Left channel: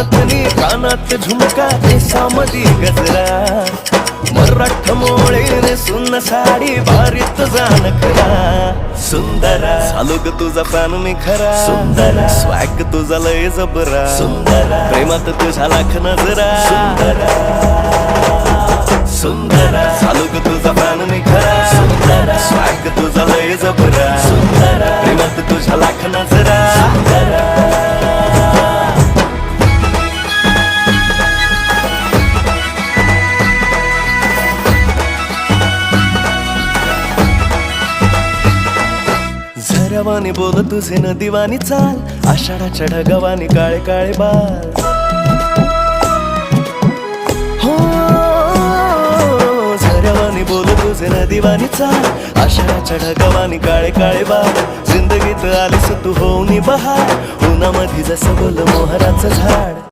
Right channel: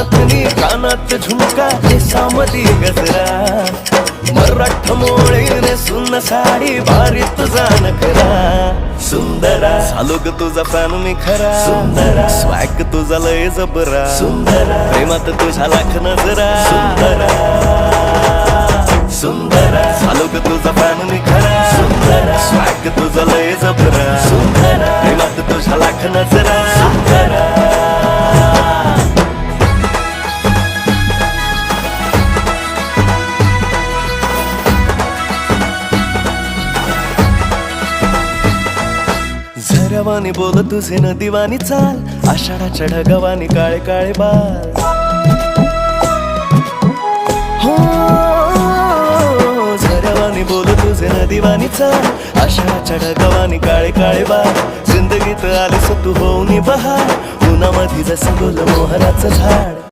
नथनी कानात झुमका केसामधी गजरा मराठ मोळीने सुन्न साडी भारी तुझा नखरा सुंदरा झालो ग तुझा फॅन मी खरा स्वॅग तुझा लय जबरा प्रेमात तुझा लाख नजरा झालो ग तुझा फॅन मी खरा स्वॅग तुझा लय जबरा प्रेमात तुझा लाख नजरा झऱ्यावानी बोल तुझे नदीवानी चाल आषाढाच्या ढगावानी काळे काळे बाल हो झऱ्यावानी बोल तुझे नदीवानी चाल आषाढाच्या ढगावानी काळे काळे बाल जिंदगीत आलीस तू होऊनी बहार उन्हामध्ये जसं बोल मोहराचं झाड